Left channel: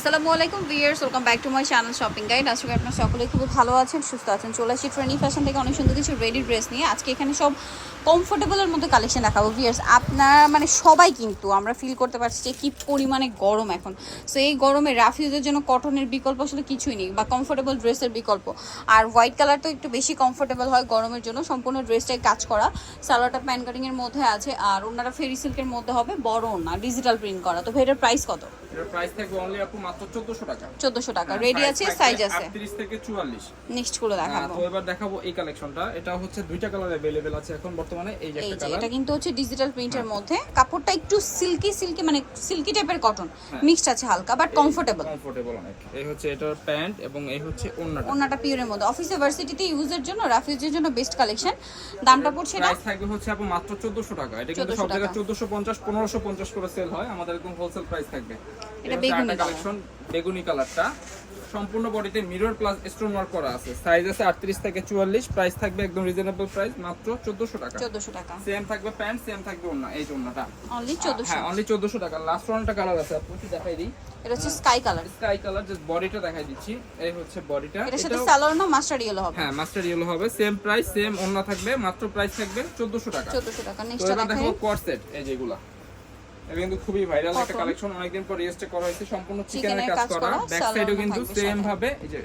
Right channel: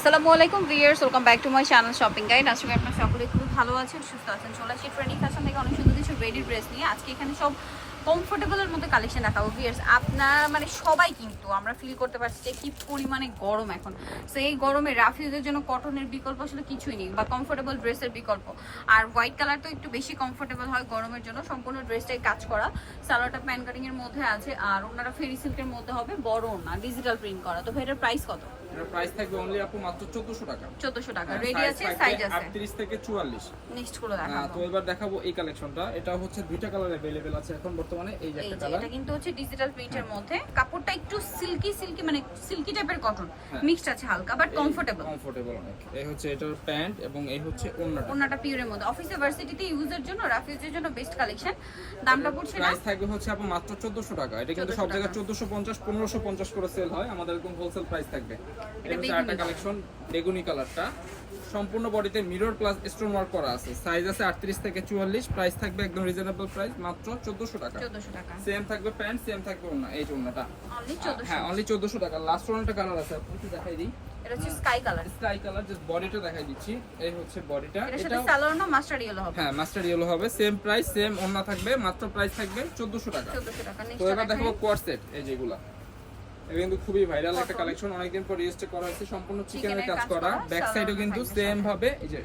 আসসালামু আলাইকুম viewers, welcome back to my channel shopping guide. আজকে আপনারা সকলেই খুব ভালো আছেন, সুস্থ আছেন। চলে আসি ট্রেন্ডি ফ্যাশন থেকে অনেক সুন্দর কিছু রেডি ড্রেস নিয়ে। আজকে এখানে সব কমফোর্টেবলের মধ্যে কালেকশন দেখাবো ভিউয়ার্স। আপনারা মানে সবাই কিন্তু আমরা ফিল করতে পারছি যে কী পরিমাণে গরম এখন। সো এই গরমে রাফিউজের জন্য কটনের বিকল্প আসলে কিছুই নেই, বা কমফোর্টেবল ড্রেসের বিকল্প। আর হোয়াইট কালার তো একটু বেশি কমফোর্টেবল হয় গরমের জন্য। সম্পূর্ণ ড্রেসটাই কাজ করা, সালোয়ারটা প্যান কাটিংয়ের মধ্যে আছে, আর ওনারা ফেরি সিল্কের মধ্যে হবে, বড় ওনা ডিজিটাল প্রিন্ট করা। তো এটার প্রাইস কত? এর প্রাইস থাকবে অনলি আপু মাত্র 1400 টাকা। 1400 টাকা। রেডি আছে, সাইজ আছে 38 থেকে 44। নেক্সট করে দেখাবো। তো এবার দেখাবো এই কালেকশনটা। এটা হচ্ছে দুইটা কালার अवेलेबल আছে এখন বর্তমানে। এই যে একটা কালার, এটা কিন্তু হচ্ছে ডিজিটাল প্রিন্টের মধ্যে, কাপড়টা একটু সিল্কি মানে সিল্কি টাইপের কটন মিক্সড আছে হালকা, বাট কমফোর্টেবল অনেক। এই হচ্ছে এটার প্যান্ট এবং এই হচ্ছে ওন্নাটা। ওন্নাটা পিওরের মধ্যে অফিসে ভার্সিটিতে ইউজের জন্য, রাফিজের জন্য বেস্ট কালেকশন। দামটা পড়ছে না, প্রাইস থাকবে হচ্ছে আপু মাত্র 1400 টাকা। এটা কিন্তু সব জায়গায় 1450 1550 করে সেল হয়, আমাদের একদম হোলসেল প্রাইস থাকবে। এটা হচ্ছে একটা কালেকশন, বেগুনি কালারটা। সম্পূর্ণ বডিতে মিরর প্লাস স্টোন ওয়ার্ক করা আছে। সাইজ আছে 38 থেকে 44। প্রাইস থাকবে একদম রিজনেবল প্রাইস, মাত্র 1400 টাকা। 1400 টাকা। সেম থাকবে প্যান্ট, সেম থাকবে ওন্না। এই যে ওন্নাটা অনলি 1400। হ্যাঁ, অনলি 1400 টাকা। লাস্ট ওয়ানটা কালার আছে, আপনাকে দেখাই দিই। এটা হচ্ছে sky colour. Sky colour, just বডিটা দেখাই দিচ্ছি। এই হচ্ছে বডিটা। এটা সালোয়ার না মাস্টার ইয়েলো হবে? হ্যাঁ, মাস্টার ইয়েলো হবে। সেম প্রাইস, সেম ওন্না থাকবে, মাত্র প্রাইস থাকবে 1400 টাকা। 1400 টাকা। তো এবার দেখো কোয়ার সেট। এই যেগুলা এটা কিন্তু খুবই ভাইরাল একটা কালেকশন, অনেকদিন পর রিস্টক করা হয়েছে। সম্পূর্ণ চিকেনের কাজ করা, ব্যাক সাইডেও কিন্তু সেম ভাবে এই যে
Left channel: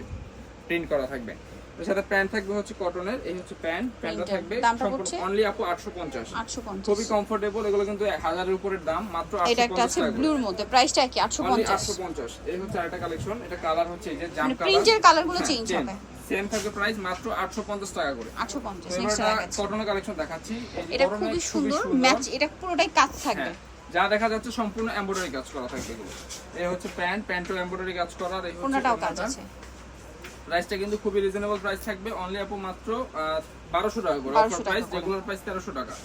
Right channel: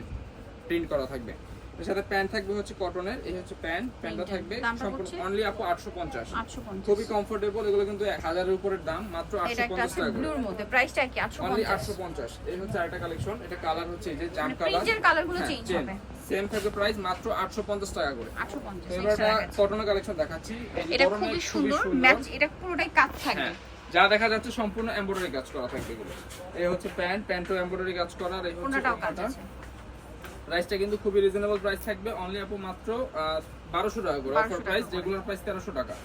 প্রিন্ট করা থাকবে। এর সাথে প্যান্ট থাকবে হচ্ছে কটনের। এই হচ্ছে প্যান্টটা থাকবে সম্পূর্ণ অনলি আপু 850। খুবই কমফোর্টেবল। এগুলো কিন্তু 1000 এর উপরের দাম, মাত্র 850 টাকা। ব্লুর মধ্যে প্রাইসটা কি? 850। এই হচ্ছে আরেকটা কালেকশন। এটা কালার হচ্ছে এই যে জাম কালার, প্রিন্টের কালারগুলো চেঞ্জ হবে। সেম থাকবে প্রাইস মাত্র 850 টাকা করে। 850। এবারটা কটনের কালেকশন দেখাচ্ছি। এই যে এটা খুবই সুন্দর ম্যাচ, এটা পুরোটাই কাজ থাকবে। যা দেখা যাচ্ছে সম্পূর্ণ এমব্রয়ডারি কাজ করা থাকবে এগুলো। এই হচ্ছে প্যান্টও এমব্রয়ডারি কাজ করা। আর এই হচ্ছে ওন্নাটা। প্রাইসটা কিন্তু খুবই রিজনেবল প্রাইস থাকবে, অনলি আপু মাত্র 1200 টাকা করে। অফার প্রাইস, রেগুলার প্রাইস 1300 টাকা।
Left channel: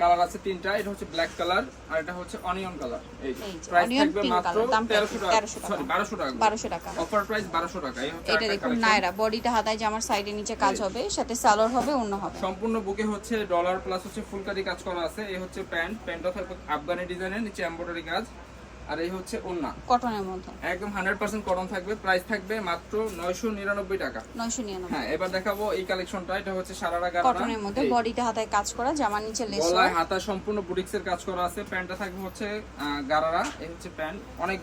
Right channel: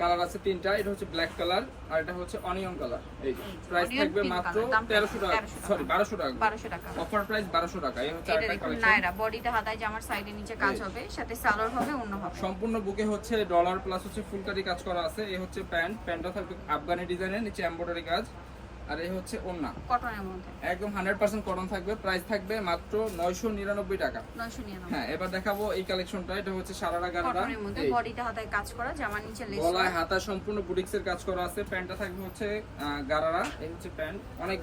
কালার আছে তিনটা। এটা হচ্ছে ব্ল্যাক কালার, আর এটা হচ্ছে অনিয়ন কালার। এই প্রাইস থাকবে মাত্র 1300 টাকা, সরি 1200 টাকা। 1200 টাকা অফার প্রাইস 1200 টাকা। এই হচ্ছে আরেকটা কালেকশন। নায়রা বডিটা হাতায় জামার সাইডে নিচে কাজ হবে, সাথে সালোয়ার হবে, ওন্না হবে। সম্পূর্ণ বুকে হচ্ছে ডলার প্লাস হচ্ছে ফুলকারি কাজ করা আছে। এই হচ্ছে প্যান্টটা থাকবে আফগানি ডিজাইনের, নিচে এমব্রয়ডারি কাজ। আর এই হচ্ছে ওন্না, কটনের মধ্যে একদম 100% কটন থাকবে। প্রাইস থাকবে মাত্র 999 টাকা। 999। হ্যাঁ, এবার দেখাবো এই কালেকশনটা। এটা হচ্ছে সারারা গারারা কটনের মধ্যে, বডিতে হাতায় কাজ করা, জামার নিচে লেস, গলায় হাতা সম্পূর্ণ বুটিক্সের কাজ করা আছে। প্যান্টটা থাকবে হচ্ছে গারারা। এই হচ্ছে প্যান্ট, অনেক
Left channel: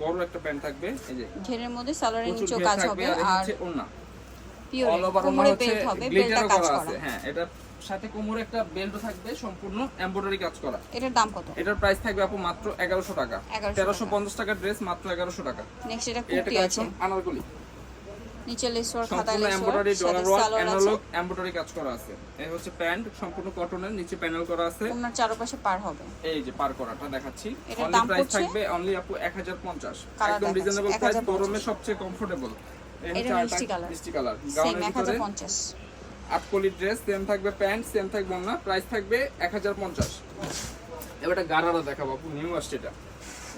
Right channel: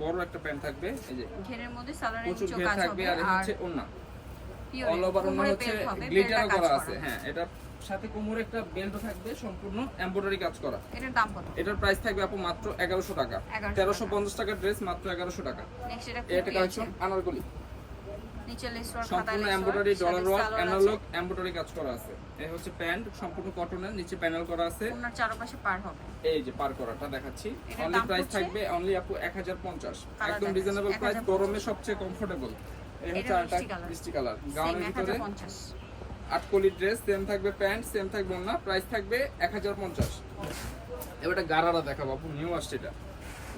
বড় একটা প্যান্ট থাকবে। এই যে ঘেরের মধ্যে সালোয়ারের নিচে কাজ হবে। আর এই হচ্ছে ওন্না, পিওর অল ওভার ওন্না হচ্ছে গ্লিটারও করা আছে। হ্যাঁ, এটা সাথে কোমরে একটা বেল্টও থাকবে, সম্পূর্ণ এমব্রয়ডারি কাজ করা। এটার দাম কত? এটার প্রাইস থাকবে আপু মাত্র 1100 টাকা। 1350 টাকার ড্রেস মাত্র 1100 টাকা। নেক্সট এটা কালেকশন আনারকলি, নিচে লেস ওয়ার্ক, সম্পূর্ণ embroidery, dollar work, analogue embroidery কাজ করা আছে। এই হচ্ছে প্যান্ট, সম্পূর্ণ কটনের, নিচে প্যানেল করা আছে। ওনার চারপাশে পার হবে। এই যে পার করাটা দেখাচ্ছি। অনলি প্রাইস থাকবে অনলি আপু 1050। একদম রিজনেবল প্রাইস, গরমে সবচেয়ে কমফোর্টেবল। এই হচ্ছে আরেকটা মিষ্টি কালার, গাউনের ভিতরে 1050। আটকলি ড্রেস, সেম থাকবে প্যান্ট, সেম থাকবে ওন্না। প্রাইস থাকবে 1050। এবার একটা গারারা দেখাবো আপু, নিউ আসছে এটা।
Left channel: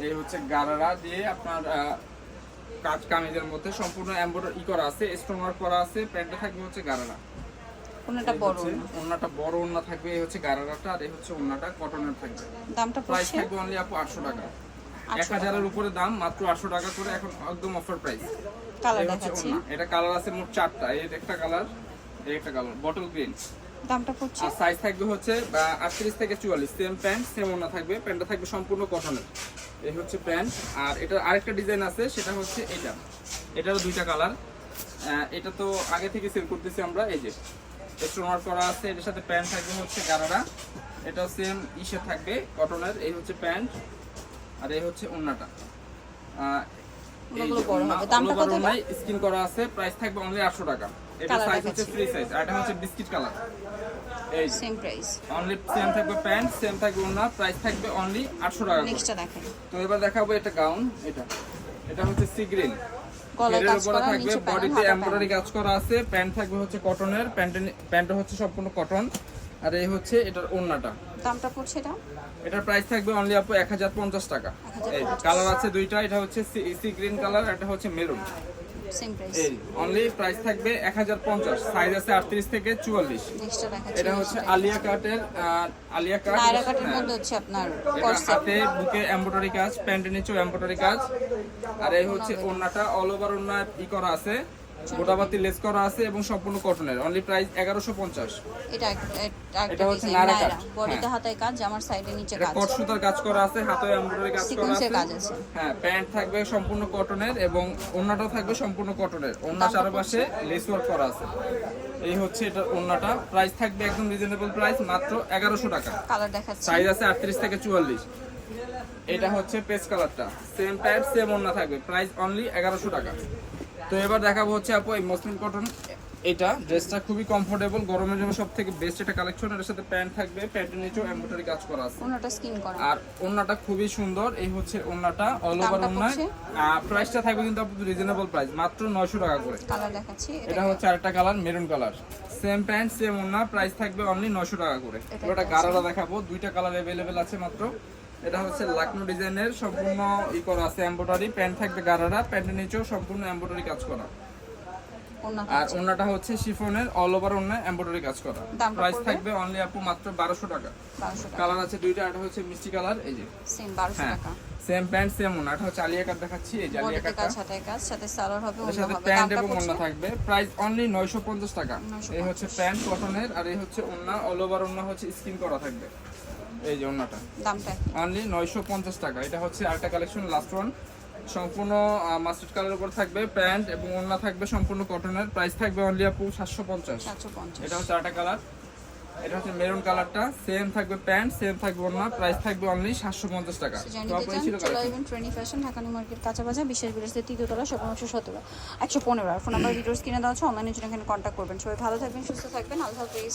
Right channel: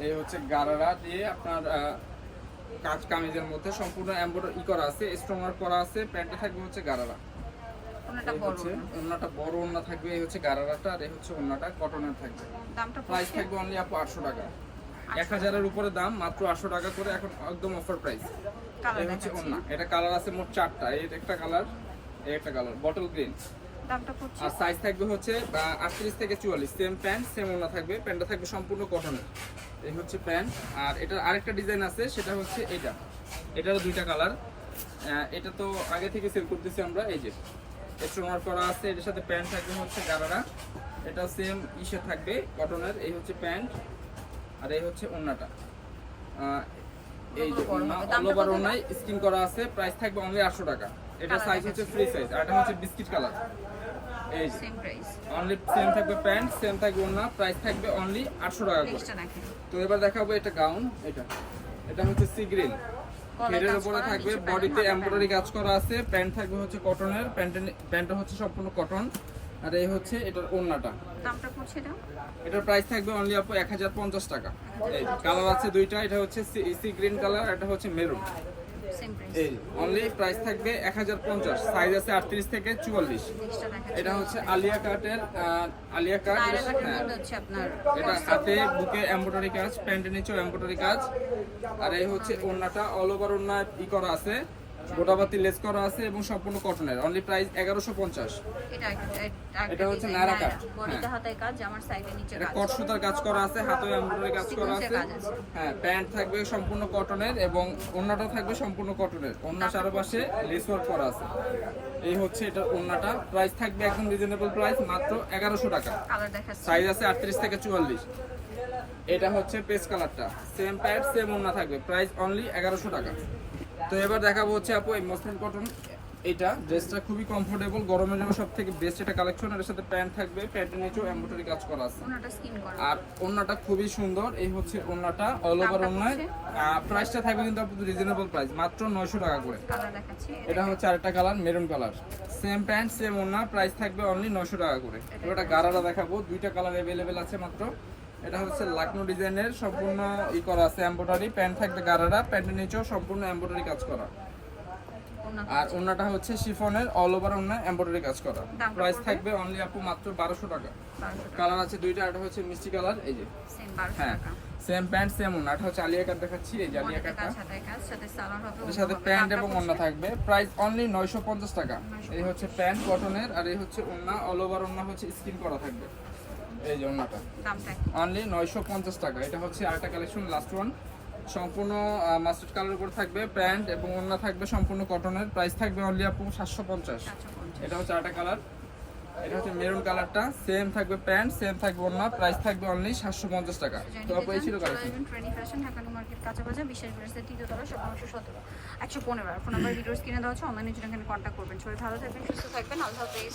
এই হচ্ছে গারারা দিয়ে আপনার কাজ কামিজের মধ্যে সম্পূর্ণ এমব্রয়ডারি করা আছে, স্টোন ওয়ার্ক করা আছে। প্যান্টটা থাকবে হচ্ছে গারারা, ওন্নাটা বড়, ওন্নাটা বড় ওন্না থাকবে। এই হচ্ছে গারারাটা, আর এই হচ্ছে ওন্নাটা কটনের থাকবে। দামটা প্রাইস থাকবে অনলি আপু 800 টাকা। 1000 এর উপরে দাম, মাত্র 800 টাকা করে এখন একদম অফার প্রাইস। এই হচ্ছে ওন্না, এটা কালার আছে মোট 4টা। এই একটা কালার, এই একটা কালার বটল গ্রিন। দামটা পড়ছে, আর সাইজ থাকবে হচ্ছে 38 থেকে 44। সেম প্যান্ট, সেম ওন্না থাকবে। প্যান্টটা থাকবে সম্পূর্ণ কটনের। এই হচ্ছে প্যান্ট। আর এটার আরেকটা ডিজাইন আছে, সেটা হচ্ছে এটা। এটারও দুইটা কালার। এটা তো আগে থেকে সেল করতেছি আমরা। এই যে স্টোন ওয়ার্ক করা আছে, এটার সাথে প্যান্ট থাকবে হচ্ছে গারারা। এটা সেম ইসে থাকবে কটনের। এই হচ্ছে প্যান্ট, আর এই হচ্ছে ওন্নাটা। এই যে ওন্না, অল ওভার ওন্নায় স্কিন করা আছে। প্রাইস থাকবে অনলি 800 টাকা। এটা সাইজ হচ্ছে ফ্রি সাইজ, আর এটা হচ্ছে বিস্কিট কালার। এই সেম প্রাইস, অনলি সেম থাকবে প্যান্ট, সেম থাকবে ওন্না। প্রাইস থাকবে অনলি 800 টাকা করে। তো এবার দেখাবো এটা গাউন। এটা হচ্ছে সি গ্রিন, ঘেরের উপরে থাকবে, বডিতে এমব্রয়ডারি কাজ করা আছে। প্যান্ট থাকবে হচ্ছে কটনের, প্যান্টটা হচ্ছে সম্পূর্ণ কটন। আর এই হচ্ছে এটার ওন্নাটা। দামটা পড়ছে এটা, এটার প্রাইস থাকবে অনলি আপু 1050 টাকা। এই কালার আছে দুইটা, এটা হচ্ছে সি গ্রিন কালার, এটা হচ্ছে মেরুন। Same price. এই অনলি প্রাইস থাকবে 1050, সাইজ আছে 38 থেকে 44। নেক্সটটা দেখাচ্ছি। এটা হচ্ছে আলিয়া কাটের আলিয়া কাট, নায়রা কাটের মধ্যে হচ্ছে আপনার এটা হাতে বুকে এমব্রয়ডারি কাজ, প্যান্টের নিচেও এমব্রয়ডারি কাজ। আর এই হচ্ছে ওড়নাটা, অল ওভার ওড়না ই করা আছে, গোটাবাতি লেস করা আছে এবং সম্পূর্ণ কটনের। Only price 1150। এটা হচ্ছে নায়রা কাট। বডিতে হাতে কাজ, জামার সাইডে নিচে এটা কাজ, কট সুতার কাজ করা আছে, হাতেও এমব্রয়ডারি কাজ করা সিকোয়েন্সের আছে। কাজ আছে। হ্যাঁ, প্যান্ট থাকবে সম্পূর্ণ কটনের এবং ওড়নাটাও থাকবে সম্পূর্ণ কটনের। ওড়না চারপাশে লেস ওয়ার্ক করা আছে। এই হচ্ছে এটা ওড়নাটা, প্রাইস থাকবে একদম রিজনেবল প্রাইস, মাত্র 1100 টাকা। কালার দেখাচ্ছি। সাইজ আছে 38 থেকে 44। এটা হচ্ছে পেস্ট কালারটা, সেম প্যান্ট সেম ওড়না থাকবে, প্রাইস অনলি 1100 টাকা। তো এবার দেখাবো হচ্ছে আপু এই মসলিন কটন। এটা ড্রেসটা খুবই কমফোর্টেবল, গরমের জন্য সব থেকে বেস্ট একটা কালেকশন। এর সাথে প্যান্ট থাকবে, প্যান্টের নিচেও এমব্রয়ডারি কাজ করা আছে, ওনাটা স্কিন করা। আর ওড়নাটা খুবই সুন্দর। এই হচ্ছে ওড়নাটা, অল ওভার দামটা ওড়নায়। পড়ছে? প্রাইসটা থাকবে কিন্তু আপু রিজনেবল প্রাইস, মাত্র 900 টাকা করে। কালার দেখাচ্ছি। এটা হচ্ছে আরেকটা colour, maroon colour, same pant same ওড়না, প্রাইস থাকবে অনলি 900 টাকা করে। এবার গারারা দেখাবো, দুইটা কালার अवेलेबल আছে মাত্র। এটা হচ্ছে লাকনো ডিজাইনের, সম্পূর্ণ ই করা আছে এমব্রয়ডারি, প্যান্ট থাকবে গারারা, প্যান্টের নিচেও সম্পূর্ণ এমব্রয়ডারি কাজ করা। ওনাটা আর ওড়নাটা হচ্ছে শিফনের, অল ওভার ওড়না এমব্রয়ডারি কাজ করা। দামটা প্রাইস পড়বে? থাকবে অনলি আপু মাত্র 1200 টাকা। 1200 টাকা। কালার আছে দুইটা, এটা হচ্ছে মিষ্টি কালার, এই যে সেম 1200 হ্যাঁ টাকা। সেম প্যান্ট সেম ওড়না। এটা হচ্ছে আলিয়া কাট দেখাচ্ছি, এই যে আলিয়া বডিতে কাটটা, কাজ, হাতে কাজ, সাথে সালোয়ার হবে, এর ওড়না সাথে হবে। প্যান্ট দামটা এবং পড়ছে? ওড়না থাকবে, প্রাইস অনলি 950 টাকা। 950 এই হচ্ছে প্যান্ট কটনের, আর এই হচ্ছে ওড়না, অল ওভার ওড়না হচ্ছে স্কিন করা থাকবে। এই যে ওড়নাটা দামটা অনলি 950 টাকা। এটা হচ্ছে আরেকটা কালেকশন, লাস্ট ওয়ান, সম্পূর্ণ মাস্টার্ড কালারের উপর থাকবে, প্যান্ট এবং ওড়না থাকবে সম্পূর্ণ কটনের, প্রাইস থাকবে অনলি আপু 750। 750। এটা হচ্ছে আরেকটা কালার, এটা হচ্ছে মেরুন কালারটা, সেম থাকবে প্যান্ট সেম থাকবে ওড়না, প্রাইস থাকবে অনলি 750 টাকা। তো আপু এই ছিল collection. Trainee fashion, Dhaka new market, কাঁচা বাজার, বিশেষ বিরোধী তৃতীয় তলা, 1717 115। ফোন নাম্বার ভিডিওস কিনে দেওয়া হচ্ছে, অনলাইনে জন্য এখানে কন্ট্যাক্ট করবেন। সবাই ভালো থাকবেন, সুস্থ থাকবেন, আল্লাহ হাফেজ।